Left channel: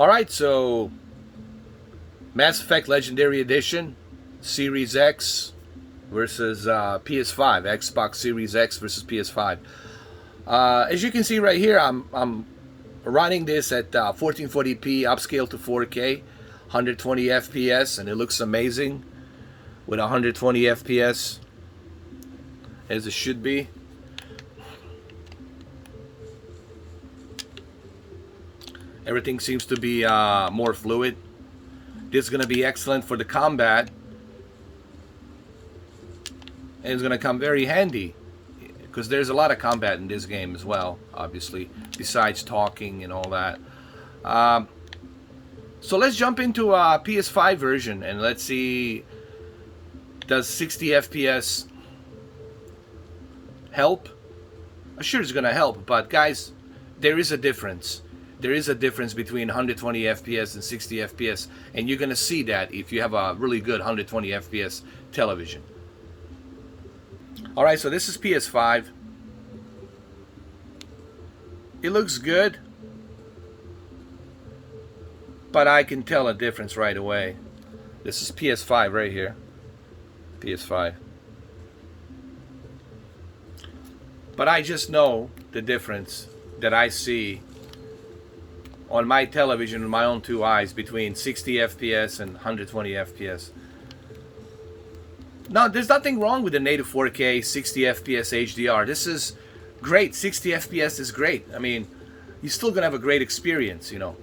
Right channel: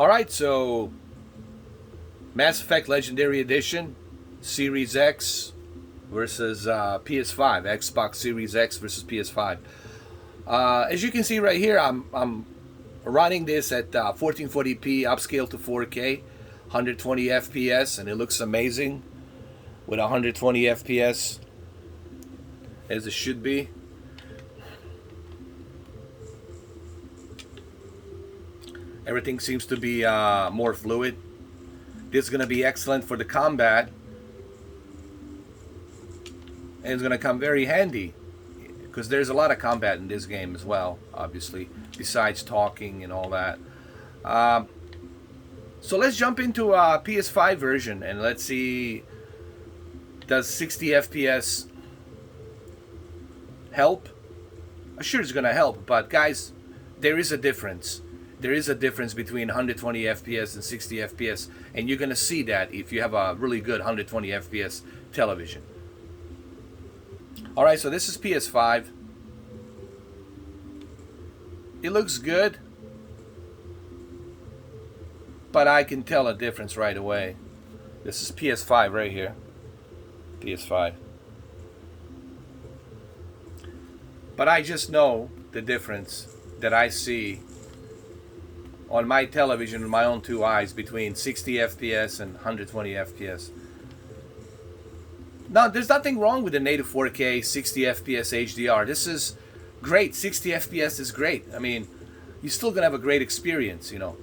Alright, so Mass Effect Legendary Edition, Series X versus PS5, Xbox Series X versus PS5. As you can see right here, I'm running this at 1440p upscale to 4K, 120 FPS, and it looks amazing with 120 FPS, as it should be. Everything seems to be more fluid. This is going to be excellent for the combat, and it's going to come very handy because there's a lot of combat in this game as well, obviously, besides talking and all that. So let's jump into a PS5 version and let's see, does 60 FPS help? Sure, it's going to help, but guys, there is a difference. There is a difference between 120 FPS and 60 FPS, and you're going to see that if you have a really good 120 FPS television. Alright, so this is PS5. It looks good, but I can tell a difference right away. This is PS5 right here. PS5. But I just know the difference that I see on my television with my own two eyes between 60 FPS and 120 FPS. Now, there's nothing wrong with the native 4K 60 FPS HDR. This is great. 60 FPS is great. I mean, you're still gonna have a great experience, you know,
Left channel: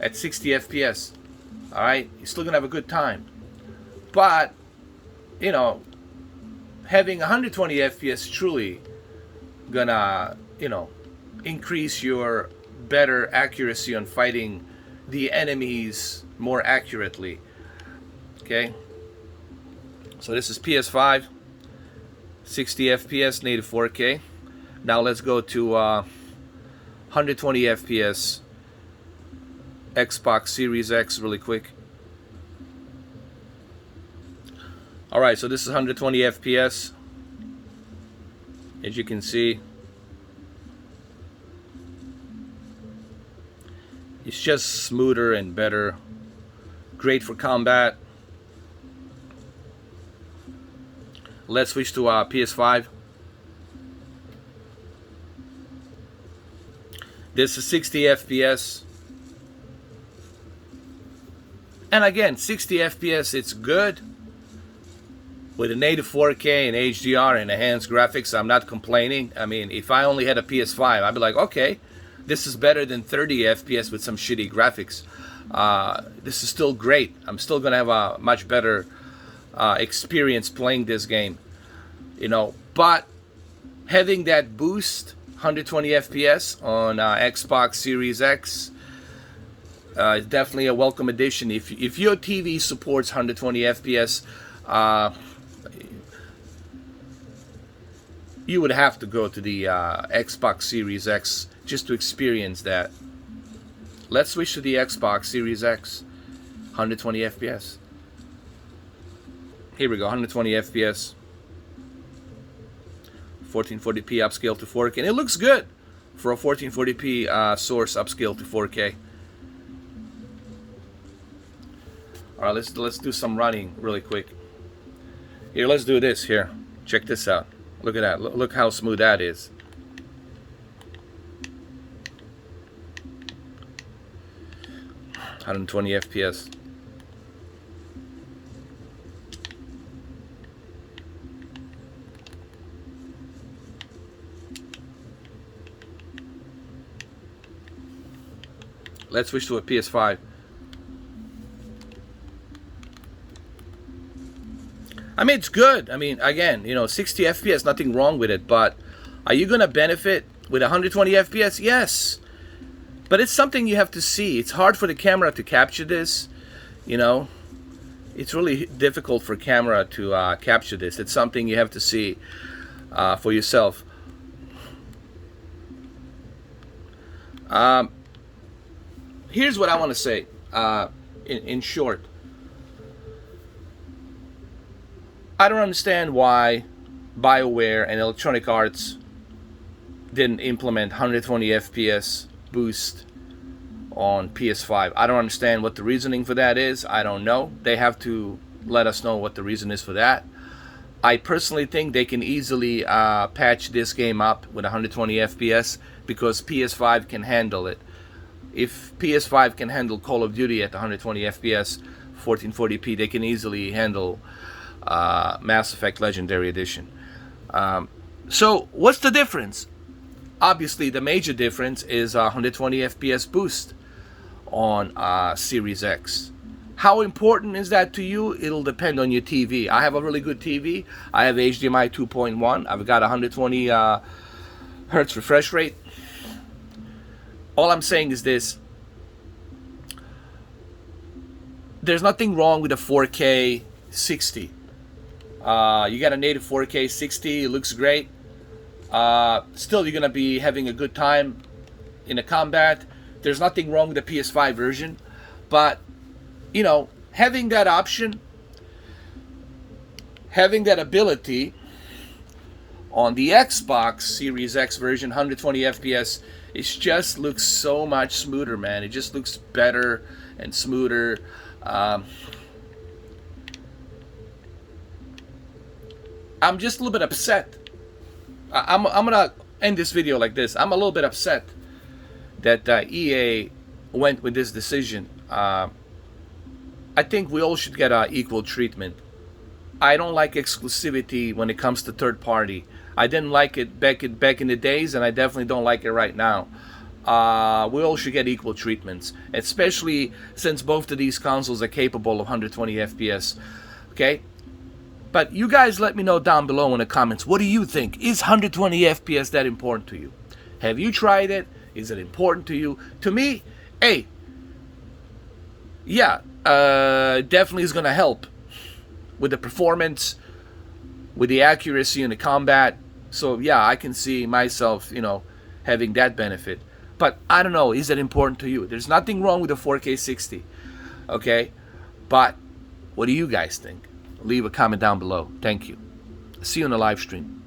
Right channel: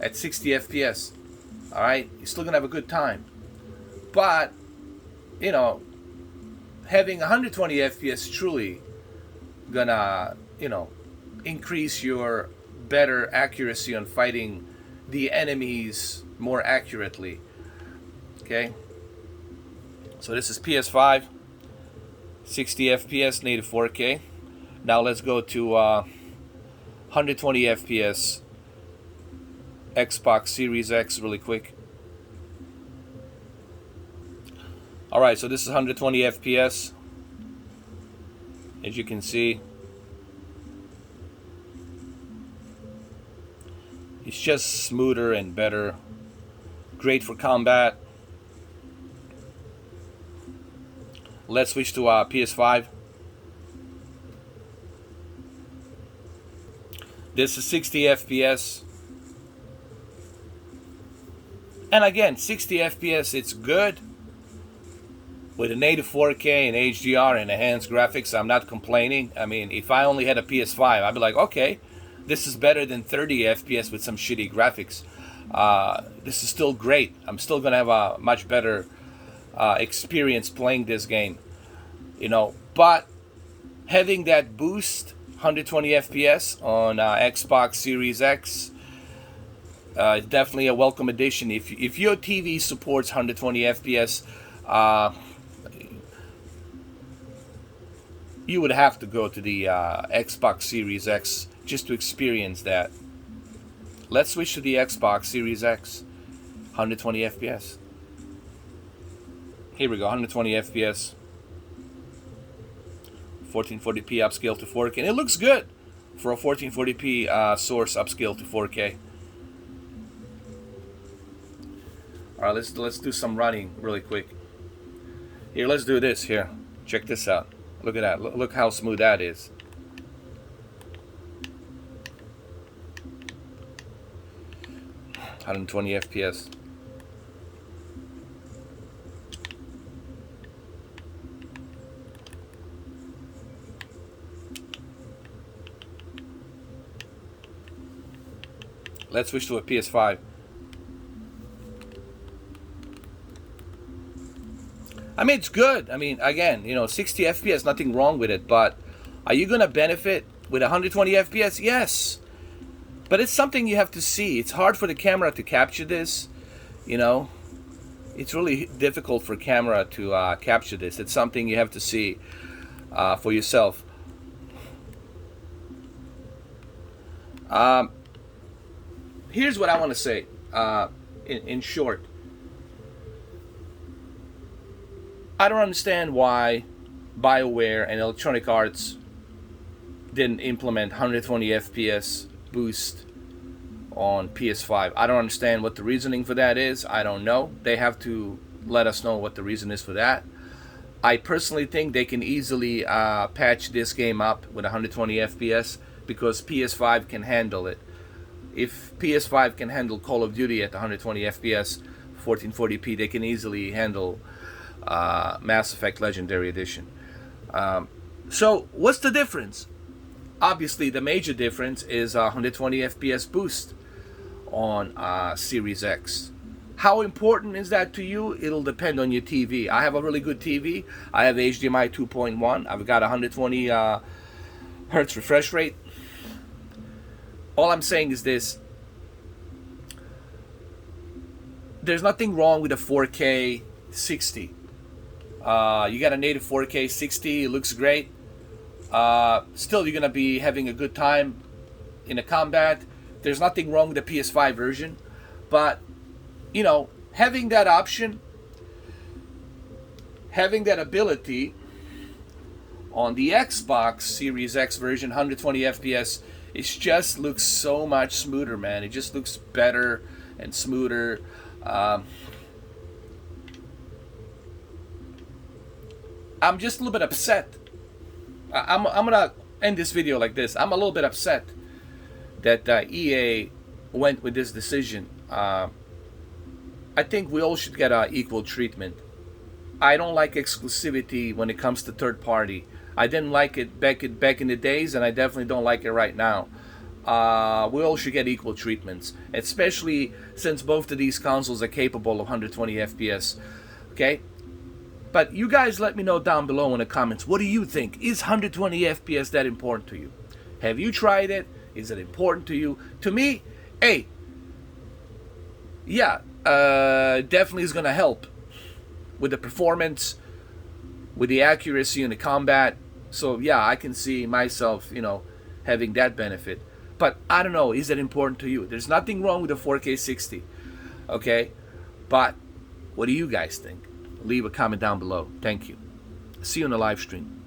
at 60 FPS. All right, you're still gonna have a good time. But, you know, having 120 FPS truly gonna, you know, increase your better accuracy on fighting the enemies more accurately. Okay, so this is PS5, 60 FPS, native 4K. Now let's go to 120 FPS Xbox Series X really quick. Alright, so this is 120 FPS. As you can see, it's just smoother and better. Great for combat. Let's switch to PS5. This is 60 FPS. And again, 60 FPS, it's good. With a native 4K and HDR and enhanced graphics, I'm not complaining. I mean, if I only had a PS5, I'd be like, okay, this is better than 30 FPS with some shitty graphics. This is still great. I'm still gonna have a much better experience playing this game, you know. But having that boost, 120 FPS on Xbox Series X, is definitely a welcome addition. If your TV supports 120 FPS, you would have to go to the Xbox Series X just to experience that. Let's switch to the Xbox Series X, 120 FPS. Here we go, 120 FPS, 1440p upscale to 4K, and it looks good for a 1440p source upscale to 4K. All right, let's do some running really quick. Here, let's do this. Here, check this out. Look at that. Look how smooth that is. (120 FPS). Let's switch to a PS5. I mean, it's good. I mean, again, you know, 60 FPS, nothing wrong with it. But are you going to benefit with 120 FPS? Yes. But it's something you have to see. It's hard for the camera to capture this, you know. It's really difficult for camera to capture this. It's something you have to see for yourself. Here's what I want to say in short. I don't understand why BioWare and Electronic Arts didn't implement 120 FPS boost on PS5. I don't understand what the reasoning for that is. I don't know. They have to let us know what the reason is for that. I personally think they can easily patch this game up with 120 FPS because PS5 can handle it. If PS5 can handle Call of Duty at 120 FPS, 1440p, they can easily handle Mass Effect Legendary Edition. So what's the difference? Obviously, the major difference is 120 FPS boost on Series X. How important is that to you? It'll depend on your TV. I have a really good TV. I have HDMI 2.1. I've got 120 hertz refresh rate. All I'm saying is this. There's nothing wrong with a 4K 60. You got a native 4K 60. It looks great. Still, you're going to be having a good time in a combat. There's nothing wrong with the PS5 version. But, you know, having that option, having that ability on the Xbox Series X version, 120 FPS, it just looks so much smoother, man. It just looks better and smoother. I'm just a little bit upset. I'm gonna end this video like this. I'm a little bit upset that EA went with this decision. I think we all should get equal treatment. I don't like exclusivity when it comes to third party. I didn't like it back in the days, and I definitely don't like it right now. We all should get equal treatments, especially since both of these consoles are capable of 120 FPS. Okay? But you guys let me know down below in the comments, what do you think? Is 120 FPS that important to you? Have you tried it? Is it important to you? To me, hey, yeah, definitely is going to help with the performance, with the accuracy in the combat. So yeah, I can see myself, you know, having that benefit. But I don't know, is that important to you? There's nothing wrong with a 4K 60, okay? But what do you guys think? Leave a comment down below. Thank you. See you on the live stream.